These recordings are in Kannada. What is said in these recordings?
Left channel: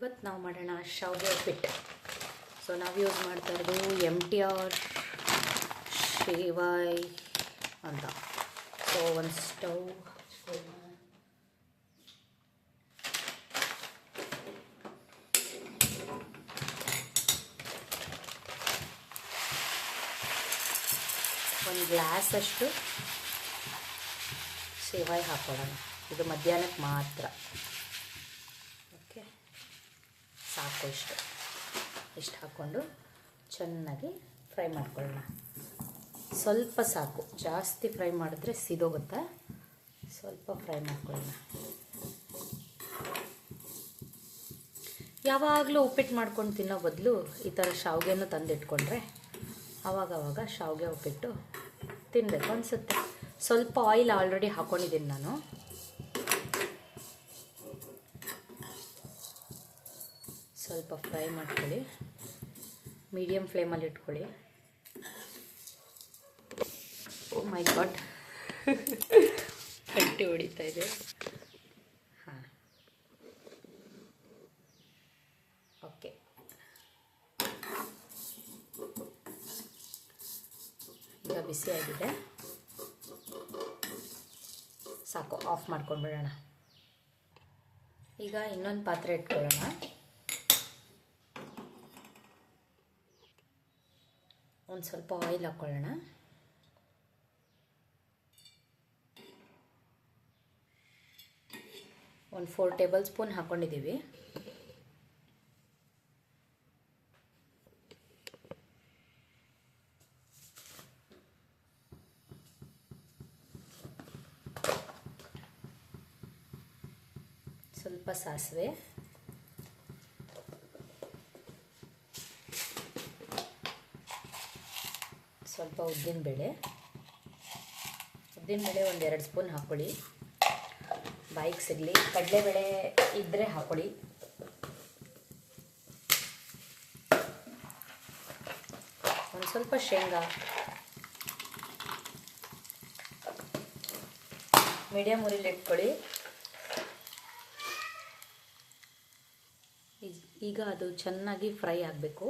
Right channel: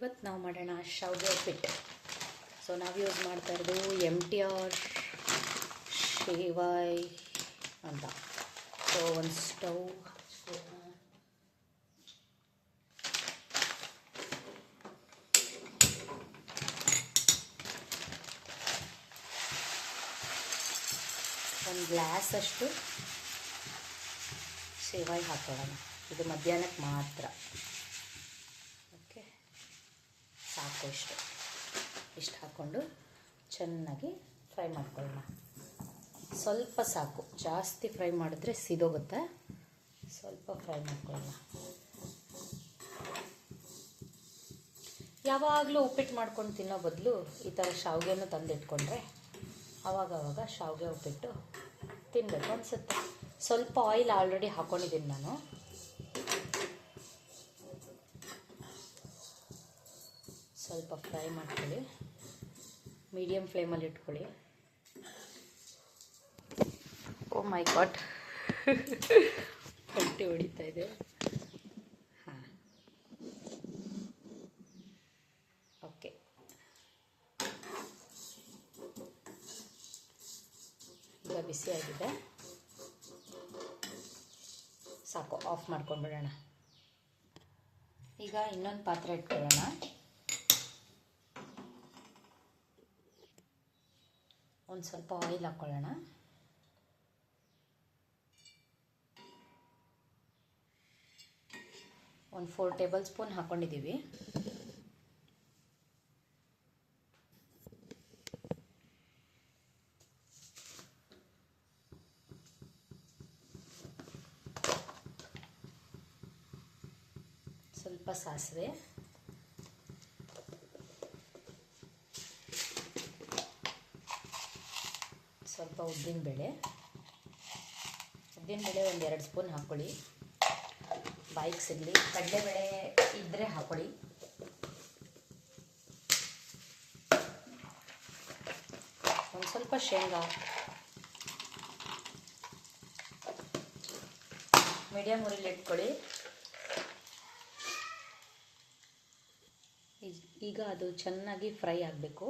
ಇವತ್ತು ನಾವು ಮಾಡೋಣ ಶಾವಿಗೆ ಉಪ್ಪಿಟ್ಟು. ಸೊ ನಾವು ಯೂಸ್ ಮಾಡ್ತಾ ಇರೋದು MTR ಶೇವಾಯ್ ಅಂತ. ಸೊ ಒಂದು ಸ್ಟವ್ ಒಂದು ಗ್ಲಾಸಷ್ಟು ಸೇವಾಯಿ ಹಾಕೊಳ್ಳೋಣ. ಇದು ಮಧ್ಯಾಹ್ನಕ್ಕೆ ಮಾತ್ರ. ಓಕೆ, ಸಾಕು. ಇಷ್ಟು ಹಾಕ್ಕೊಂಡು ಚೆನ್ನಾಗಿ ಫ್ರೈ ಮಾಡ್ಕೊಳ್ಳೋಣ. ಸ್ವಲ್ಪ ಸಾಕು, ಜಾಸ್ತಿ ಫ್ರೈ ಮಾಡಿದ್ರೆ ಸಿದೋಗುತ್ತೆ. ಸ್ವಲ್ಪ ಫ್ರೈ ಮಾಡ್ಕೊಳ್ಳೋಣ. ಯಾವಾಗಲೂ ಉಪ್ಪಿಟ್ಟು ಮಾಡ್ಕೊಂಡು ತಿನ್ನೋ ಬದಲು ಈ ಥರ ಶಾವಿಗೆಯನ್ನು ತಂದಿಟ್ಕೊಂಡ್ರೆ ಆವಾಗವಾಗ ಶಾವಿಗೆ ಉಪ್ಪಿಟ್ಟು ತಿನ್ನಬೇಕು ಅನಿಸುತ್ತೆ. ಸ್ವಲ್ಪ ಆಯಿಲ್ ಆಲ್ರೆಡಿ ಹಾಕ್ಕೊಂಡಿದ್ದೀನಿ ನಾನು. ಸ್ವಲ್ಪ ಫ್ರೈ ಮಾಡ್ಕೊಳ್ಳಿ, ಮೀಡಿಯಮ್ ಫ್ಲೇಮಲ್ಲಿ ಇಟ್ಕೊಳ್ಳಿ. ಓ ಮೈ ಗಾಡ್, ಗಂಟೆ ಹೊಡಿತಾ ಇದೆ. ಹಾಂ, ಓಕೆ. ಈಗ ಬಿಸಿಯಾಗಿದೆ, ಸಾಕು. ಆಫ್ ಮಾಡ್ಕೊಂಡ್ಬಿಡೋಣ. ಈಗ ಇನ್ನೊಂದು ಪಾತ್ರೆ ಇಟ್ಕೊಳ್ಳೋಣ. ಒಂದು ಸ್ವಲ್ಪ ಆಯಿಲ್ ಹಾಕ್ಕೊಳ್ಳೋಣ. ಒಂದು 4 ಟೇಬಲ್ ಸ್ಪೂನ್ ಹಾಕ್ಕೊಂಡಿದ್ದೀವಿ. ಸ್ವಲ್ಪ ಸಾಸಿವೆ, ಸ್ವಲ್ಪ ಉದ್ದಿನಬೇಳೆ ಒಂದು 2 ಸ್ಪೂನ್ ಹಾಕ್ಕೊಳ್ಳಿ, ಬಾಯಿಗೆ ಸಿಗಲಿ. ಕಡಲೆಬೇಳೆ ಇದ್ದರೆ ಹಾಕ್ಕೊಳ್ಳಿ. ಒಂದು ಸ್ವಲ್ಪ ಶೇಂಗಾ, ಮೀಡಿಯಮ್ ಉರಿಲಿ ಇಟ್ಕೊಳ್ಳಿ. ಈಗ ಅದು ಚೆನ್ನಾಗಿ ಫ್ರೈ ಆಗಬೇಕು.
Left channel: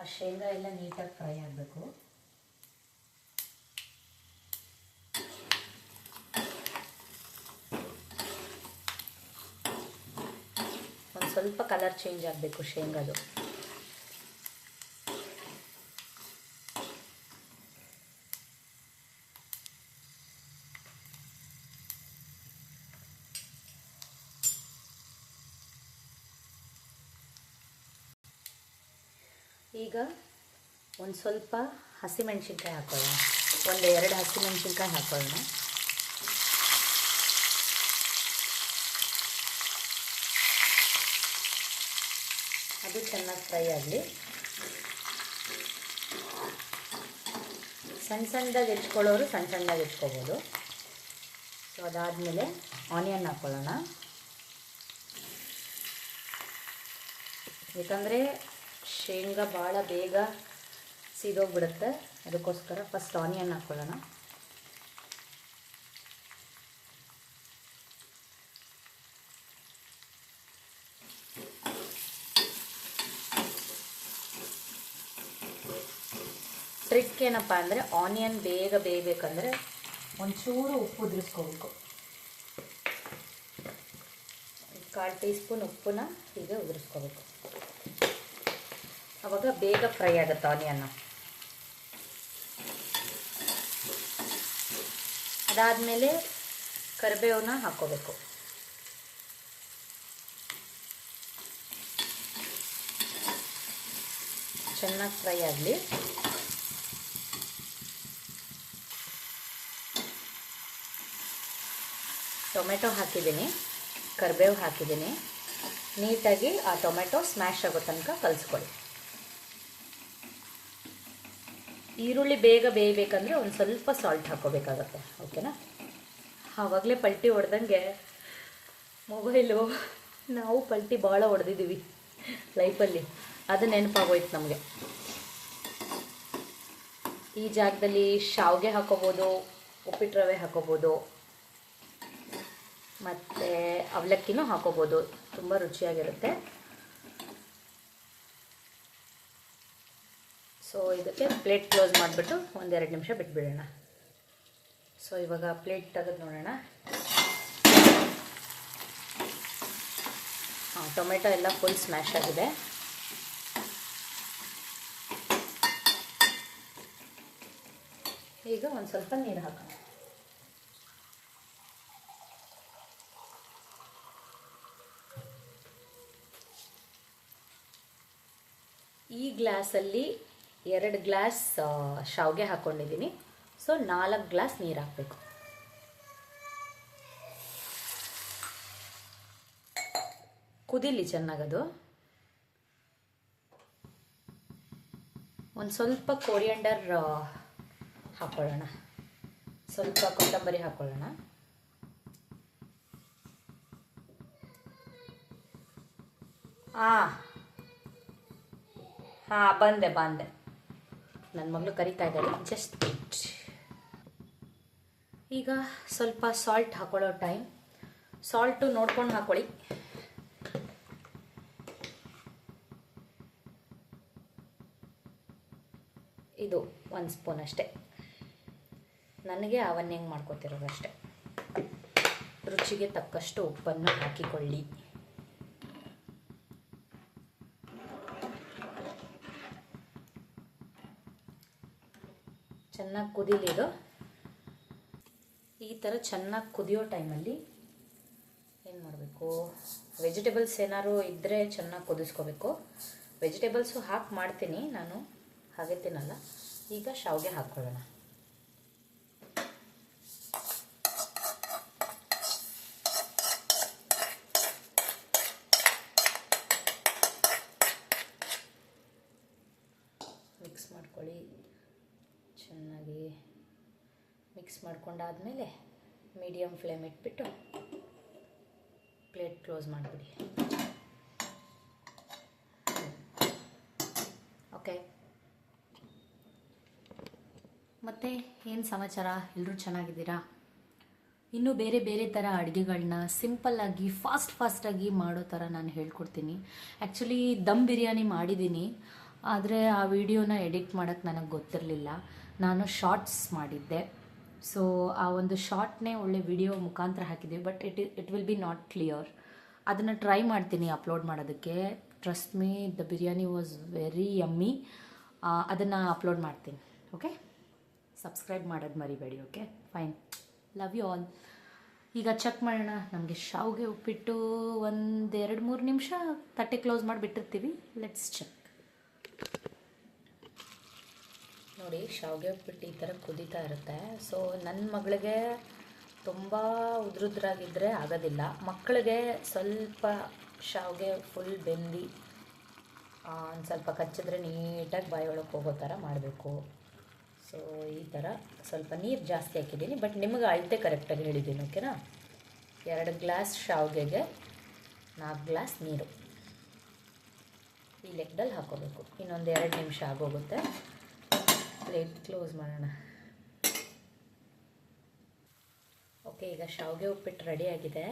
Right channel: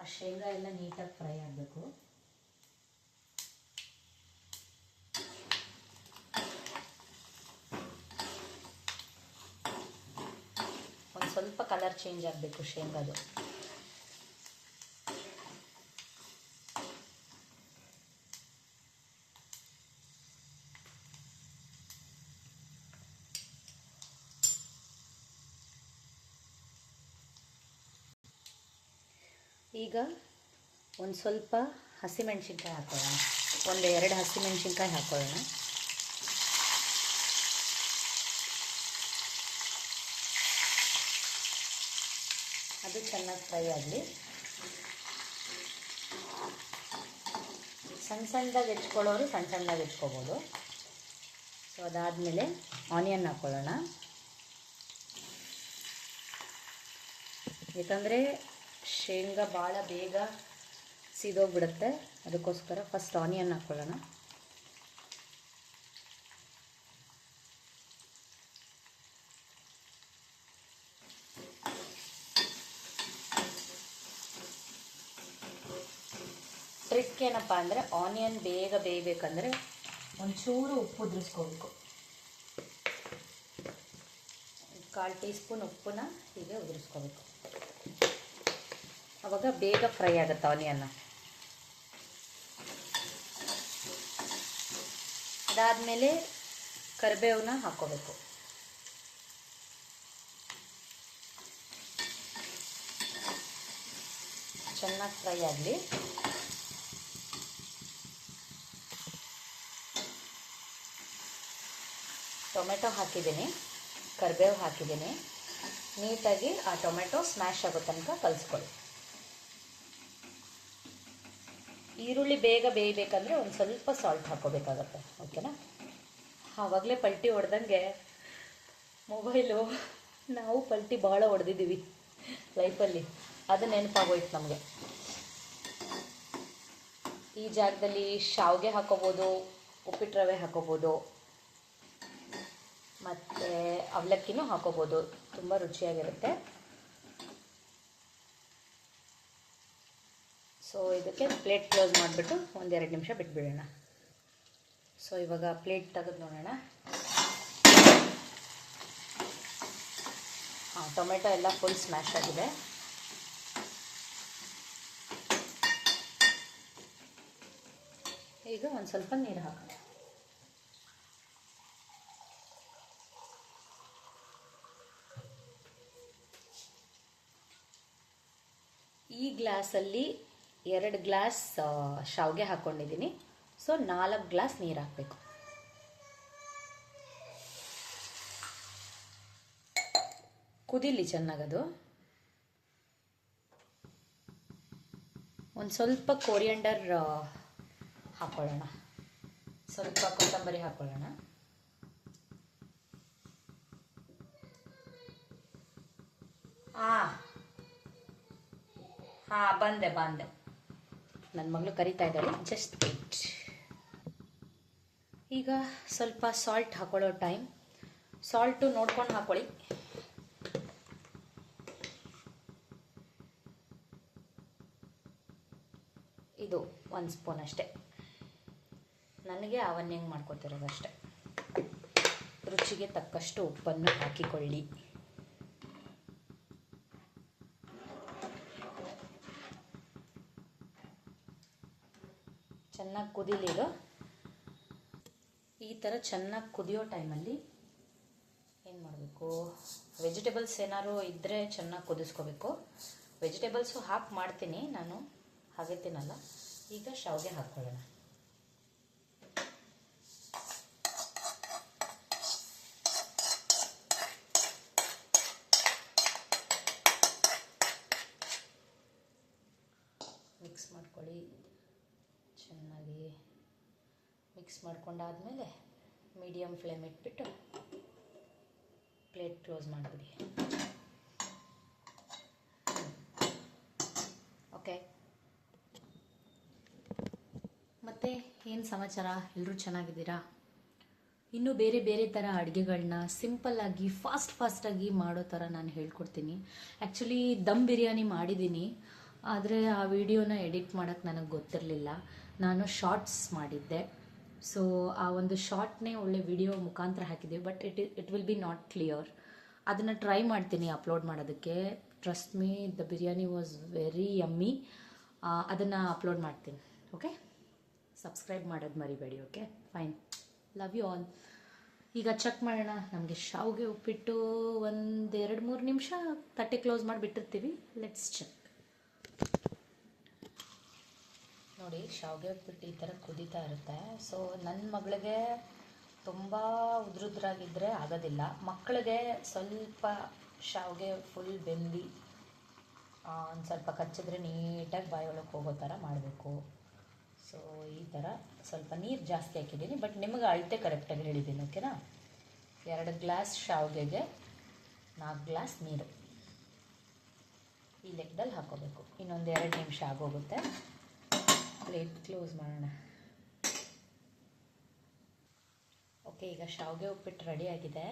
ಆ ಶೇಂಗಾ ಎಲ್ಲ ನೀಟಾಗಿ ಫ್ರೈ ಆಗಬೇಕು. ಒಂದು ಸ್ವಲ್ಪ ಕಲರ್ ಚೇಂಜ್ ಆಗಬೇಕು ಶೇಂಗಾದು. ಈಗ ಒಂದು ಸ್ವಲ್ಪ ಹಸಿಮೆಣಸಿನ್ಕಾಯಿ ಹಾಕೊಳ್ಳೋಣ. 1-2 ಹಸಿಮೆಣಸಿನ್ಕಾಯಿ ಹಾಕೊಳ್ಳೋಣ. ಅದು ಚೆನ್ನಾಗಿ ಫ್ರೈ ಆಗಲಿ. ಸಣ್ಣದಾಗಿ ಹೆಚ್ಕೊಳ್ಳೋರು ಸಣ್ಣದಾಗಿ ಹೆಚ್ಕೋಬೋದು. ಸೊ ಅದಾದಮೇಲೆ ಆನಿಯನ್ ಹಾಕ್ಕೊಳ್ಳೋಣ. ಯಾಕಂದರೆ ಶೇಂಗಾ ಭಾಳ ಬೇಗ ಸೀದೋಗ್ಬಿಡುತ್ತೆ, ಅದಕ್ಕೋಸ್ಕರ ಫಸ್ಟ್ ಆನಿಯನ್ ಹಾಕ್ಕೊಳ್ಳೋಣ. ಟ್ರಿಕ್ ಏನಪ್ಪ ಅಂದರೆ ಆನಿಯನ್ ಬೇಗ ಬೇಯಬೇಕಂದ್ರೆ ಒಂಚೂರು ಉಪ್ಪು ಉದುರಿಸ್ಕೋಬೇಕು. 1/4 ಟೀ ಸ್ಪೂನ್ ಉಪ್ಪನ್ನ ಹೀಗೆ ಉದುರಿಸ್ಕೋಬೇಕು. ಆವಾಗ ಬೇಗ ಫ್ರೈ ಆಗುತ್ತೆ ಆನಿಯನ್ನು. ಅದಾದಮೇಲೆ ಕರಿಬೇವನ್ನ ಹಾಕ್ಕೋಬೇಕು. ಚೆನ್ನಾಗಿ ಫ್ರೈ ಆಗಲಿ. ಟೊಮೆಟೊ ಹಾಕಿದ್ದೀನಿ, ಕರಿಬೇವು ಹಾಕಿದ್ದೀನಿ. ನೀಟಾಗಿ ಆ ಟೊಮೆಟೊ ಸ್ಮ್ಯಾಶ್ ಆಗೋ ತನಕ ಕಲಿಸ್ಕೊಳ್ಳಿ. ಈರುಳ್ಳಿ ಬೇಗ ಬೇಯಬೇಕಂದ್ರೆ ಒಂದು ಸ್ವಲ್ಪ ಸಾಲ್ಟ್ ಹಾಕ್ಕೋಬೇಕಾಗತ್ತೆ. ಓಕೆನಾ? ಆವಾಗಲೇ ಪಲ್ಟಿ ಹೊಡೆದಂಗೆ ಮೊಬೈಲು, ನಾವು ಪಲ್ಟಿ ಭಾಳ ಹೊಡೆದಿದ್ದೀವಿ ಲೈಫಲ್ಲಿ, ಅದು ನೆನಪಾಗೋಯ್ತು ನಮಗೆ. ಈ ಜಾಗದಲ್ಲಿ ಶಾವಿಗೆ ಹಾಕೋಬೋದು, ಉಪ್ಪಿಟ್ಟು ರವೆ ಹಾಕೋಬೋದು, ಮತ್ತು ಅವಲಕ್ಕಿನೂ ಹಾಕೋಬೋದು, ತುಂಬ ರುಚಿಯಾಗಿರುತ್ತೆ. ಸೊ ಇದಕ್ಕೆ ಪ್ಲೇಟ್ ಕ್ಲೋಸ್ ಮಾಡಿಬಿಟ್ಟು 1-2 ನಿಮಿಷ ಬಿಟ್ಬಿಡೋಣ. ಸೊ ಇವಾಗ ಪ್ಲೇಟ್ ತೆಗೆದು ನೋಡೋಣ. ಟೊಮೆಟೊ ಎಲ್ಲ ಫುಲ್ ಸ್ಮ್ಯಾಶ್ ಆಗಿದೆ. ಈಗ ಒಂದು ಸ್ವಲ್ಪ ನೀರು ಹಾಕೋಣ. ಈ ಗ್ಲಾಸಲ್ಲಿ 2 ಗ್ಲಾಸ್ ಶಾವಿಗೆ ಹಾಕ್ಕೊಂಡಿದ್ದೀನಿ. ಸೊ 4 ಗ್ಲಾಸ್ ನೀರು ಹಾಕಬೇಕು. ಕುದೀಲಿ ಚೆನ್ನಾಗದು. ಒಂದು ಸ್ವಲ್ಪ ಕೋರಿಯಂಡರ್ ಹಾಕೊಳ್ಳೋಣ, ಸ್ವಲ್ಪ ಕೊತ್ತಂಬರಿ ಹಾಕೊಳ್ಳೋಣ. ಬಂದೆ ನನ್ನ ಮಗಳು ಕರಿತಾ ಇದ್ದಾರೆ, ಜಸ್ಟ್ ವೇಟ್. ಈಗ ಸ್ವಲ್ಪ ಸಾಲ್ಟ್ ಹಾಕೊಳ್ಳೋ ಟೈಮ್. ಸಾಲ್ಟು ನೋಡ್ಕೊಂಡು ಹಾಕೊಳ್ಳಿ. ಇದು 1 ಸ್ಪೂನ್ ಅಷ್ಟೇ, ನನಗೆ ಅವನ್ನ ಹೆಂಗೆ ಮಾಡ್ಕೊತಿರೋದಷ್ಟೇ. ರುಚಿಗೆ ತಕ್ಕಷ್ಟು ಉಪ್ಪನ್ನು ಹಾಕಿಕೊಳ್ಳಿ. ಚೆನ್ನಾಗಿ ಕುದೀಲಿ ಇದು. ಈ ಥರ ಚೆನ್ನಾಗಿ ಕುದಿಯೋ ಟೈಮಲ್ಲಿ ಏನು ಮಾಡಬೇಕು, ವೆಜಿಟೇಬಲ್ಸ್ ಏನಾದ್ರು ಇದ್ದರೆ ಚೆನ್ನಾಗಿ ಕುದಿಸ್ಕೋಬೇಕು. ವೆಜಿಟೇಬಲ್ಸು ಹಾಕಿ ಮಾಡ್ತೀನಿ ನಾನು, ಹಾಗೆ ತಿನ್ನಲ್ಲ. ಈಗ ಶಾವಿಗೆ ಹಾಕ್ಕೊಳ್ಳೋಣ. ಮಿಕ್ಸ್ ಮಾಡ್ಕೊಳ್ಳಿ ಚೆನ್ನಾಗಿ. ಮಿಕ್ಸ್ ಮಾಡ್ಕೊಂಡಾದ್ಮೇಲೆ ಮೀಡಿಯಮ್ ಫ್ಲೇಮ್ ಇಟ್ಬಿಟ್ಟು ಪ್ಲೇಟ್ ಕ್ಲೋಸ್ ಮಾಡಿಬಿಡಿ. ಓಕೆ, ಮತ್ತು ಏನು ಸಮಾಚಾರ? ಎಲ್ಲರೂ ಚೆನ್ನಾಗಿದ್ದೀರಾ? ಇನ್ನೂ ಬೇರೆ ಬೇರೆ ಥರ ಅಡುಗೆಗಳನ್ನ ಸಿಂಪಲ್ಲಾಗಿ ಫಾಸ್ಟಾಗಿ ಮಾಡೋ ಥರ ನಾನು ಹೇಳ್ಕೊಡ್ತೀನಿ. ಆ್ಯಕ್ಚುಲಿ ದಮ್ ಬಿರಿಯಾನಿ ಮಾಡಿದ್ದೀನಿ, ಆದರೆ ಆ ವಿಡಿಯೋನ ಎಡಿಟ್ ಮಾಡೋಕ್ಕೆ ನನಗೆ ಗೊತ್ತಿರಲಿಲ್ಲ. ನಾನು ಶಾರ್ಟ್ಸ್ ಮಾಡಿದ್ದೆ. ಸೊ ಆ ಒಂದು ಶಾರ್ಟ್ನೇ ಒಳ್ಳೆ ವಿಡಿಯೋ ಮುಖಾಂತರ ಹಾಕಿದ್ದೀವಿ, but it will be not clear. ಅದನ್ನು ಟ್ರೈ ಮಾಡ್ತೀನಿ ಅಪ್ಲೋಡ್ ಮಾಡೋದಕ್ಕೆ. Trust me, the biryani was very yummy. ಅದನ್ನು ಅಪ್ಲೋಡ್ ಮಾಡ್ತೀನಿ. ಓಕೆ, ಸಬ್ಸ್ಕ್ರೈಬ್ ಮಾಡೋದು ಮರಿಬೇಡಿ. Okay, fine, love you all. ಈಗ ಚೆಕ್ ಮಾಡೋಣ. ನಮಗೆ ಶಾವಿಗೆ ಉಪ್ಪಿಟ್ಟು 1-2-3 ನಿಮಿಷ ತಟ್ಟೆ ಕ್ಲೋಸ್ ಮಾಡಿಬಿಟ್ಟಿರ್ತೀವಿ. Let's check. ನೋಡಿ, ಶಾವಿಗೆ ಉಪ್ಪಿಟ್ಟು ಈ ಥರ ಕುದೀತಾ ಇರುತ್ತೆ. ಸೊ ನನ್ನ ಮಗಳಿಗೆ ತುಂಬ ಉದ್ರುದ್ರಾಗಿದ್ದರೆ ಆಗೋದಿಲ್ಲ. ಮಕ್ಕಳಿಗೆ ಸ್ವಲ್ಪ ಶಾವಿಗೆ ಫುಲ್ ಬೆಂದಿ ಒಂದು ಸ್ವಲ್ಪ ಕಚ್ಚಿದ್ರೆ ನೀಟಾಗಿ ಬಾಯೊಳಗೆ ಹೋಗೋ ಥರ ಮಾಡಬೇಕು. ಸೊ ಈ ಥರ ಸ್ವಲ್ಪ ನೀರು ಜಾಸ್ತಿ ಹಾಕಿದ್ದೀನಿ, ಬಟ್ ನಿಮಗೆ ಅಳತೆ ಕರೆಕ್ಟಾಗಿ ಹೇಳಿದ್ದೀನಿ. ಓಕೆನಾ? 2 ಗ್ಲಾಸ್ ಶಾವಿಗೆಗೆ 4 ಗ್ಲಾಸ್ ನೀರು ಈ ಲೆಕ್ಕದಲ್ಲಿ ಹಾಕೋಬೇಕು. ಇನ್ನೊಂದು 2 ನಿಮಿಷ ಆಗೋಗುತ್ತೆ. ಪ್ಲೇಟ್ ಕ್ಲೋಸ್ ಮಾಡೋಣ. ಓಕೆ, ಈಗ ಶಾವಿಗೆ ಉಪ್ಪಿಟ್ಟು ರೆಡಿಯಾಗಿದೆ.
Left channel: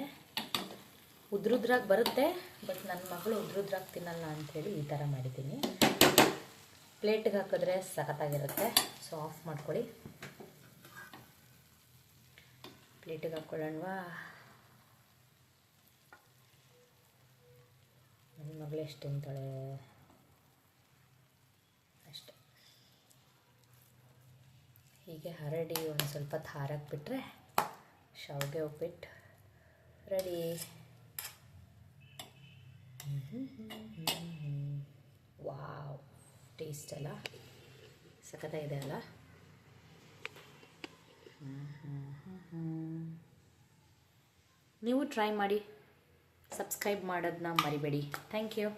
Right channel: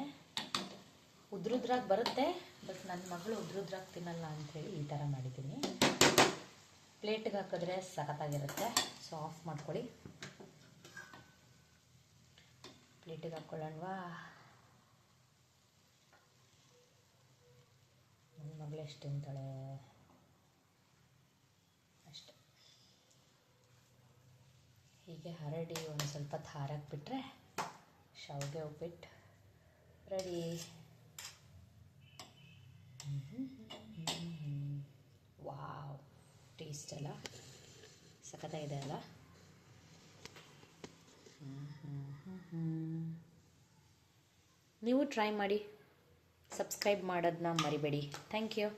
ಉದ್ರುದ್ರಾಗಿ ಬರುತ್ತೆ, ಬಟ್ ನನ್ನ ಮಗಳು ಉದ್ರುದ್ರಾಗಿ ತಿನ್ನಲ್ಲ ಅಂಥೇಳಿ ಈ ಥರ ಮಾಡಿದ್ದೀನಿ. ಪ್ಲೇಟ್ಗೆ ಹಾಕಿದ್ರೆ ಸಖತ್ತಾಗಿರುತ್ತೆ. ಸೊ ಆಫ್ ಮಾಡ್ಕೊಳ್ಳಿ. ಪ್ಲೇಟಿಗೆ ಹಾಕ್ಕೊಳ್ಳೋಣವಾ? ನನ್ನ ಮಗಳು ಎಷ್ಟು ತಿಂತಾಳೆ ಅಷ್ಟೆ. ಹೀಗೆ ಹರಡಿ ಒಂದು ಸ್ವಲ್ಪ ಹಾರಕ್ಕೆ ಬಿಟ್ಟರೆ ಶಾವಿಗೆ ಉಪ್ಪಿಟ್ಟು ರೆಡಿ. ವಾವ್, ಟೇಸ್ಟ್ ಅಲ್ಲ ಸಖತ್ತಾಗಿದೆ ಅಲ್ಲ? ನೀವು ಟ್ರೈ ಮಾಡಿ, ಸಬ್ಸ್ಕ್ರೈಬ್ ಮಾಡೋದನ್ನ ಮರಿಬೇಡಿ. Thank you.